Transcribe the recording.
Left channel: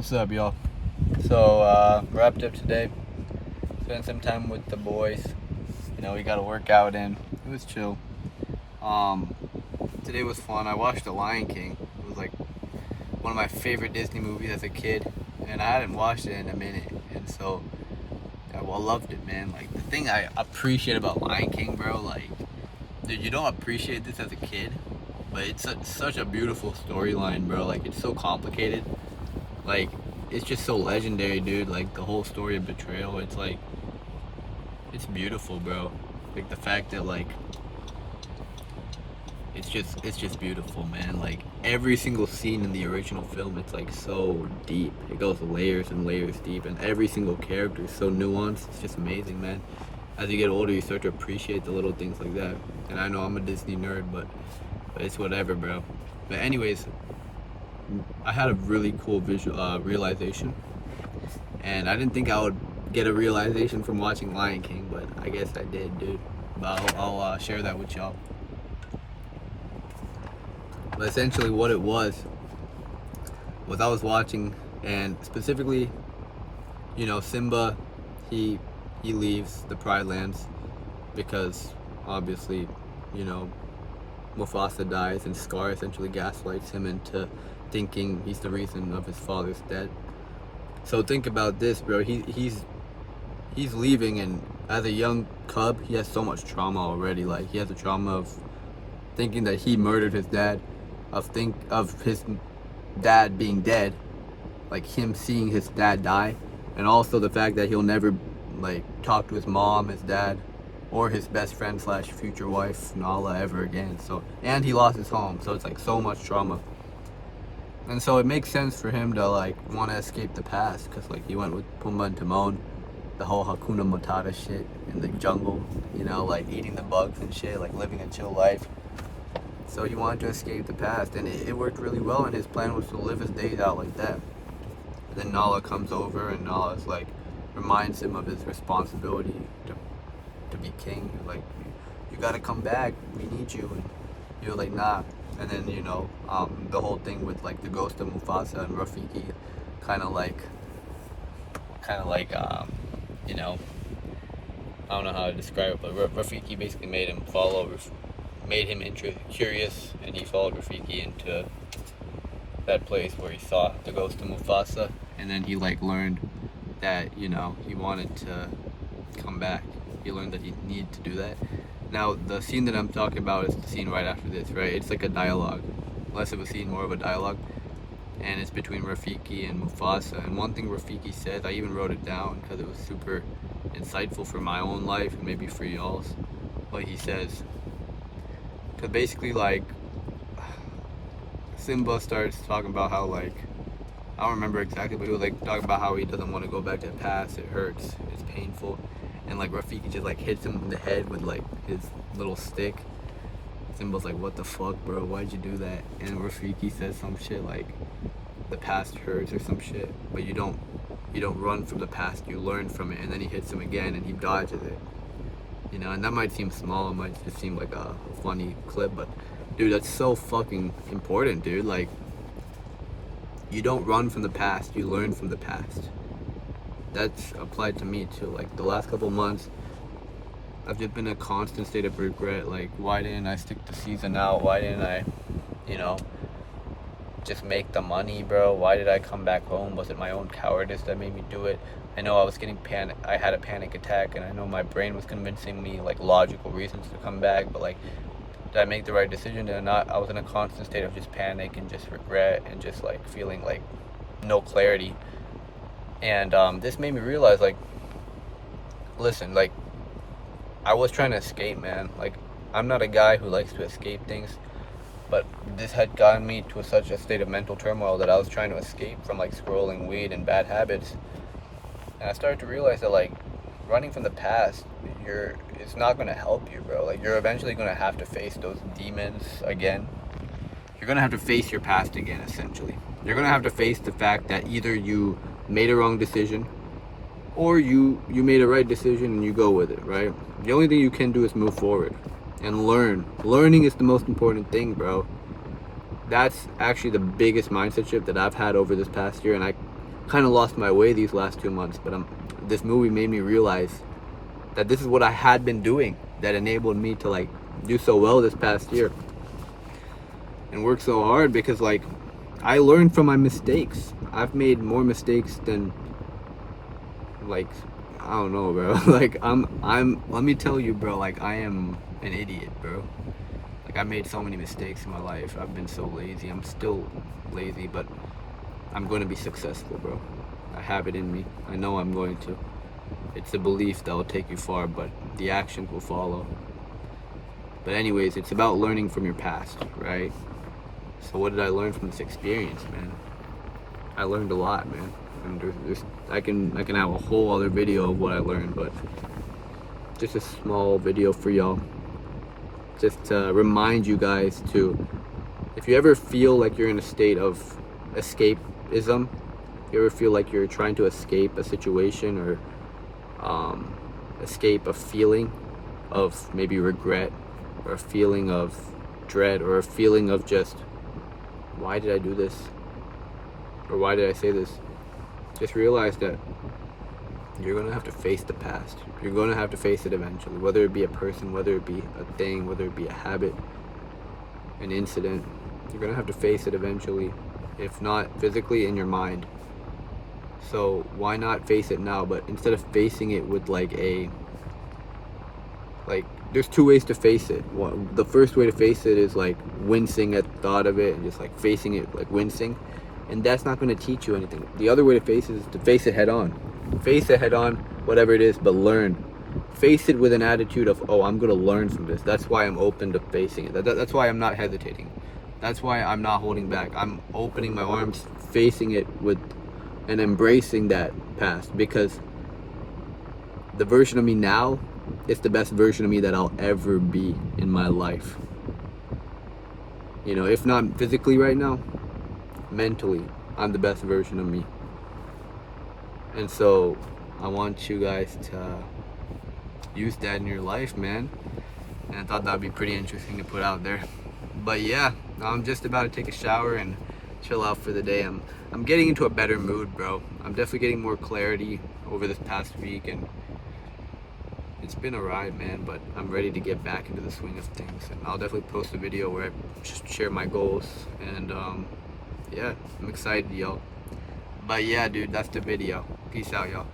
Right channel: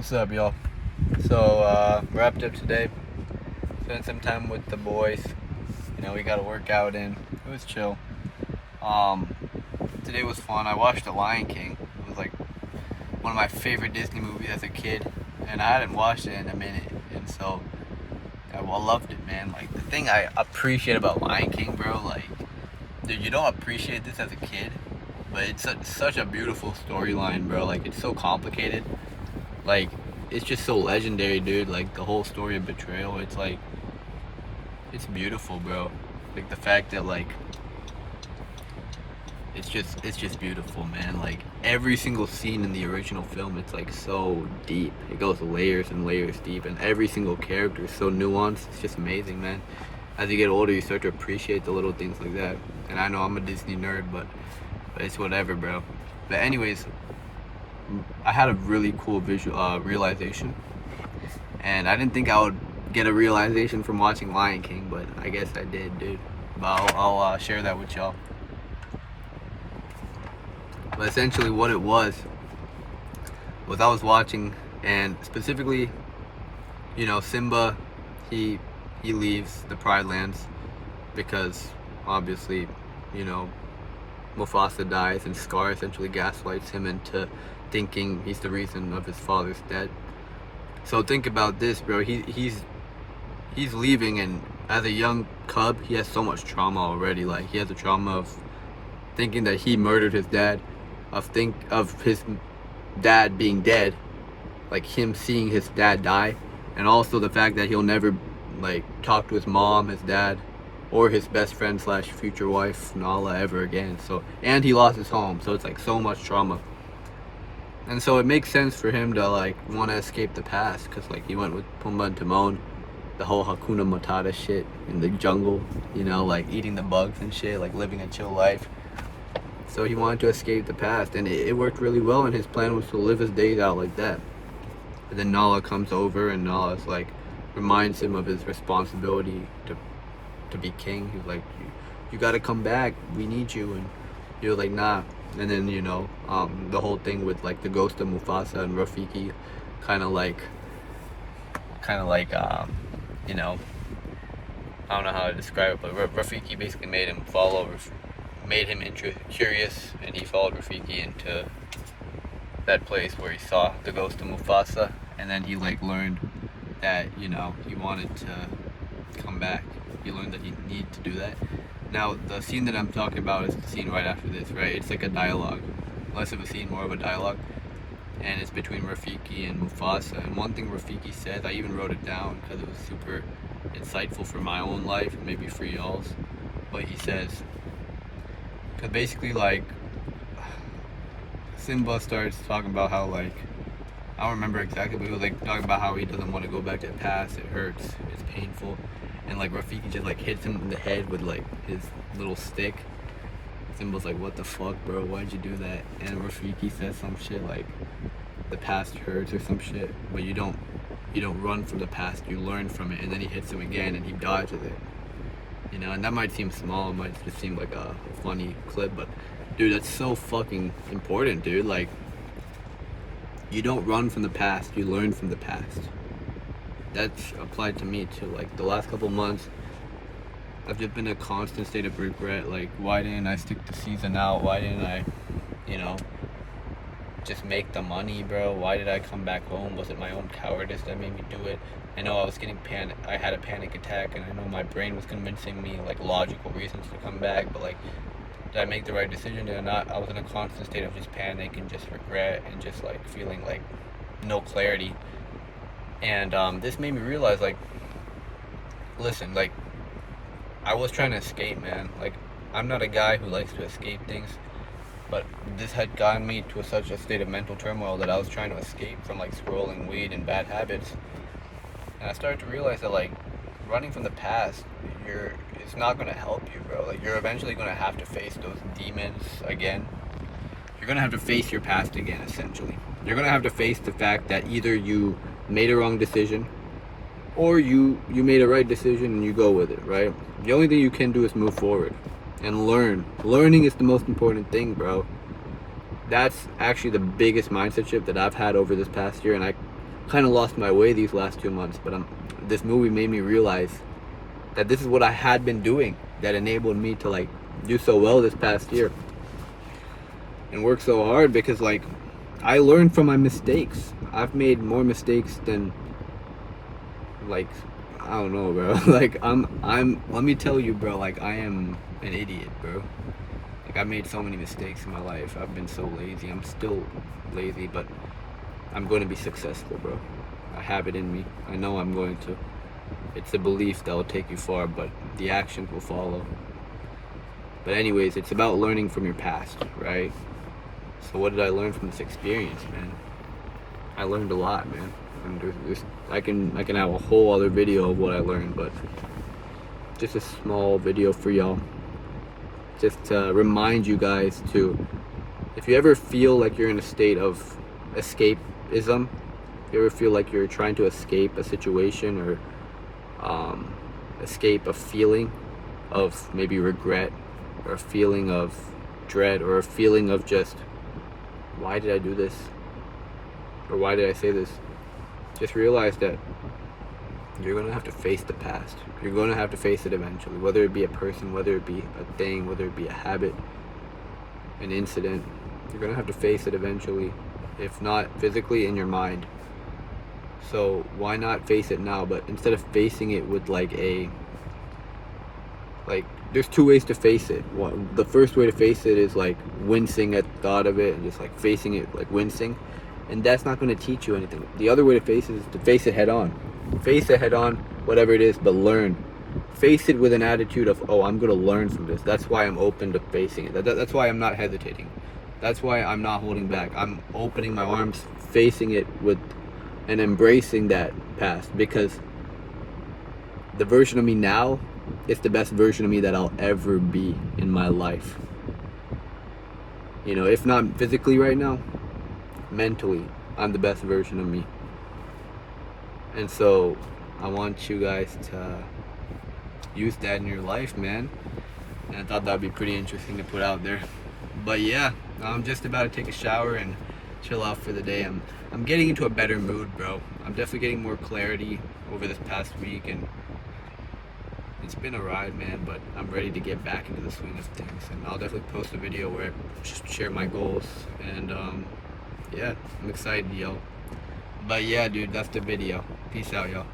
What's up, y'all? So, wrapped up today. Spent some time with the boys. We got a workout in. It was chill. Um, Today was fun. I watched The Lion King. It was like one of my favorite Disney movies as a kid, and I hadn't watched it in a minute, and so I loved it, man. Like the thing I appreciate about Lion King, bro, like, dude, you don't appreciate this as a kid, but it's such a beautiful storyline, bro. Like it's so complicated. Like it's just so legendary, dude. Like the whole story of betrayal, it's like it's beautiful, bro. Like the fact that like it's just beautiful, man. Like every single scene in the original film, it's like so deep. It goes layers and layers deep, and every single character is so nuanced. It's just amazing, man. As you get older, you start to appreciate the little things like that. And I know I'm a Disney nerd, but it's whatever, bro. But anyways, I had a really cool visual realization, and I didn't think I would get a realization from watching Lion King, but I guess I did, dude. But I'll share that with y'all. But essentially, what it was I was watching, and specifically, Simba, he leaves the Pride Lands because obviously, you know, Mufasa dies, and Scar essentially gaslights him into thinking he's the reason of his father's death. So think about this, bro. He's leaving, and as a young cub, he has so much trauma already. Like he has the trauma of thinking that he murdered his dad, of his dad being dead, like him seeing his dad die, and also the fact that he'll never like talk to his mom, his dad, or his best friend slash future wife Nala ever again. So, and he lost his home, so it's like so much trauma. And so it makes sense for him to like want to escape the past, because like he went with Pumbaa and Timon, the whole Hakuna Matata shit in the jungle, like eating the bugs and shit, like living a chill life. So he wanted to escape the past, and it worked really well, and his plan was to live his days out like that. And then Nala comes over, and Nala's like reminds him of his responsibility to be king. He's like, you gotta come back, we need you. And he was like, nah. And then the whole thing with like the ghost of Mufasa and Rafiki kind of like I don't know how to describe it, but Rafiki basically made him curious, and he followed Rafiki into that place where he saw the ghost of Mufasa, and then he like learned that he wanted to come back. He learned that he needed to do that. Now the scene that I'm talking about is the scene right after this, right? It's like a dialogue, less of a scene, more of a dialogue, and it's between Rafiki and Mufasa. And one thing Rafiki says, I even wrote it down because it was super insightful for my own life and maybe for y'all's. But he says, because basically like Simba starts talking about how like, I don't remember exactly, but he was like talking about how he doesn't want to go back to the past. It hurts, it's painful, and like Rafiki just like hits him in the head with like his little stick. Simba's like, what the fuck, bro, why'd you do that? And Rafiki says some shit like, the past hurts or some shit, but you don't run from the past, you learn from it. And then he hits him again and he dodges it, and that might seem small, it might just seem like a funny clip, but dude, that's so fucking important, dude. Like, you don't run from the past, you learn from the past. That's applied to me too. Like the last couple months, I've just been in a constant state of regret. Like, why didn't I stick to season out? Why didn't I, just make the money, bro? Why did I come back home? Was it my own cowardice that made me do it? I know I was getting I had a panic attack, and I know my brain was convincing me like logical reasons to come back, but like, did I make the right decision? Did I not? I was in a constant state of just panic and just regret and just like feeling like no clarity. And this made me realize, like, listen, like, I was trying to escape, man. Like, I'm not a guy who likes to escape things, but this had gotten me to such a state of mental turmoil that I was trying to escape from like scrolling weed and bad habits. And I started to realize that like running from the past, it's not gonna help you, bro. Like, you're eventually gonna have to face those demons again. You're gonna have to face your past again, essentially. You're gonna have to face the fact that either you made a wrong decision, or you made a right decision and you go with it, right? The only thing you can do is move forward and learn. Learning is the most important thing, bro. That's actually the biggest mindset shift that I've had over this past year, and kind of lost my way these last 2 months, but this movie made me realize that this is what I had been doing that enabled me to like do so well this past year and work so hard, because like I learned from my mistakes. I've made more mistakes than, like, I don't know, bro. Like I'm let me tell you, bro, like I am an idiot, bro. Like I made so many mistakes in my life. I've been so lazy. I'm still lazy, but I'm going to be successful, bro. I have it in me. I know I'm going to. It's a belief that will take you far, but the actions will follow. But anyways, it's about learning from your past, right? So what did I learn from this experience, man? I learned a lot, man. And I can have a whole other video of what I learned, but just a small video for y'all, just to remind you guys to, if you ever feel like you're in a state of escapism, if you ever feel like you're trying to escape a situation or escape a feeling of maybe regret, or a feeling of dread, or a feeling of just, why did I do this? Or why did I say this? Just realize that you're going to have to face the past. You're going to have to face it eventually, whether it be a person, whether it be a thing, whether it be a habit, an incident. You're going to have to face it eventually, if not physically, in your mind. So why not face it now? But instead of facing it with there's two ways to face it. The first way to face it is like wincing at the thought of it and just like facing it, like wincing, and that's not going to teach you anything. The other way to face it is to face it head on. Face it head on, whatever it is, but learn. Face it with an attitude of, oh, I'm going to learn from this. That's why I'm open to facing it. That's why I'm not hesitating. That's why I'm not holding back. I'm opening my arms, facing it with, and embracing that past, because the version of me now is the best version of me that I'll ever be in my life. You know, if not physically right now, mentally, I'm the best version of me. And so I want you guys to use that in your life, man. And I thought that'd be pretty interesting to put out there. But yeah, I'm just about to take a shower and chill out for the day. I'm getting into a better mood, bro. I'm definitely getting more clarity over this past week, and it's been a ride, man, but I'm ready to get back into the swing of things. And I'll definitely post a video where I share my goals, and yeah, I'm excited, yo. But yeah, dude, that's the video. Peace out, y'all.